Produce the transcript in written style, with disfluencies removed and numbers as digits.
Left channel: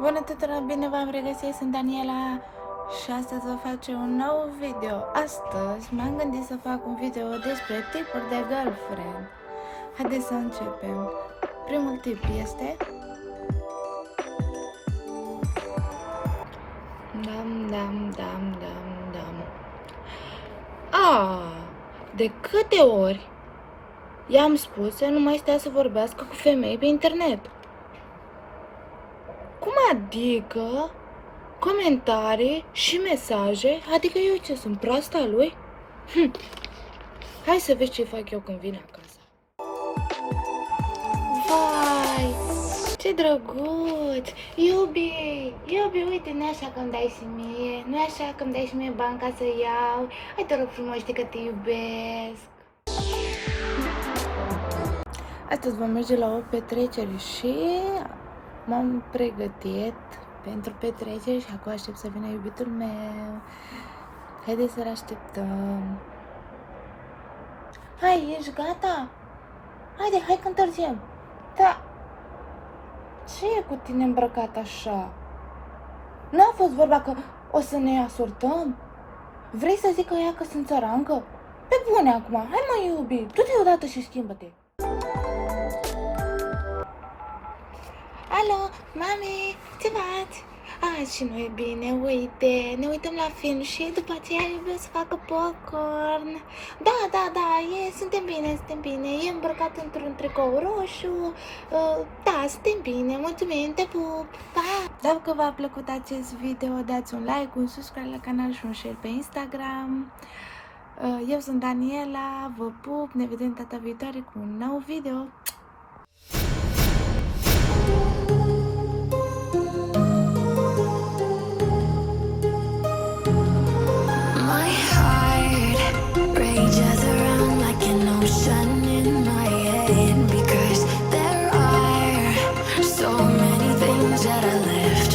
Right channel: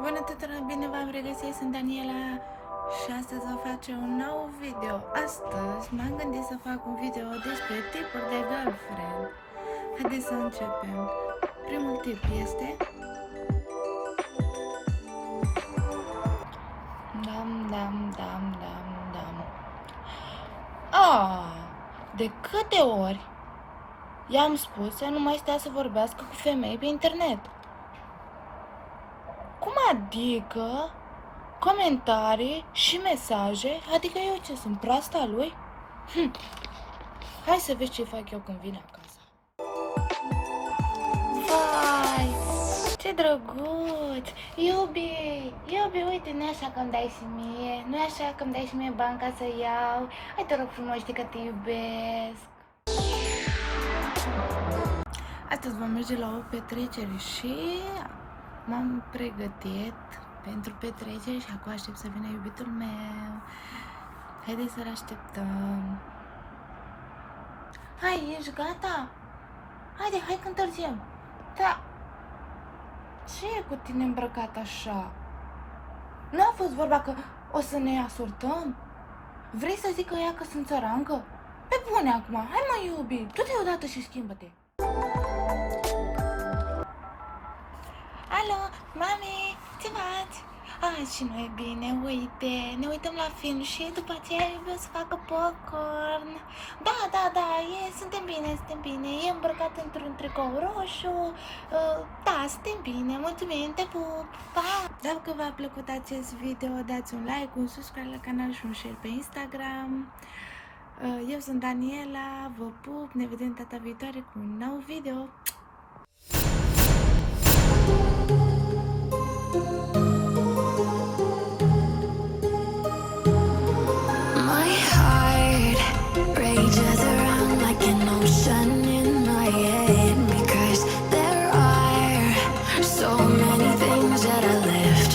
Bună tuturor, bine v-am regăsit, sunt Daniela și astăzi vă face un nou video. Astăzi m-am gândit să fac un video despre tipuri de girlfriend. Haideți să începem. Primul tip este... De câte ori i-am spus să nu mai stea să vorbească cu femei pe internet? Cum adică comentarii și mesaje? Adică eu ce, sunt proasta lui? Hai să vezi ce fac eu când vine acasă. Vai, ce drăguț! Iubi, uite, nu așa că îmi dai și mie, nu așa că îmi dai și mie bani ca să iau. Hai, te rog frumos, știi că te iubesc. Astăzi vom merge la o petrecere și m-am pregătit pentru petrecere și acum aștept să vină iubitul meu. Haideți să-l așteptăm. Hai, ești gata? Haide, hai că întârziem. Da. Ce e cu tine îmbrăcat așa? Nu a fost vorba că o să ne asortăm? Vrei să zic că ea că sunt țărancă? Pe bune acum, hai mă iubi, du-te odată și schimbă-te. Alo, mami, ce faci? Și noi bine, uite, ne uităm la film și după aceea iubim să facă popcorn. Da, suntem bine, e îmbrăcat într-un tricou roșu. Da, suntem bine, mulțumim, te pup, pa! Dacă v-a plăcut acest video, dați un like, un subscribe la canal și un share pe Instagram. Eu sunt Daniela, vă pup, ne vedem data viitoare cu un nou video. My heart rages around like an ocean in my head, because there are so many things that I left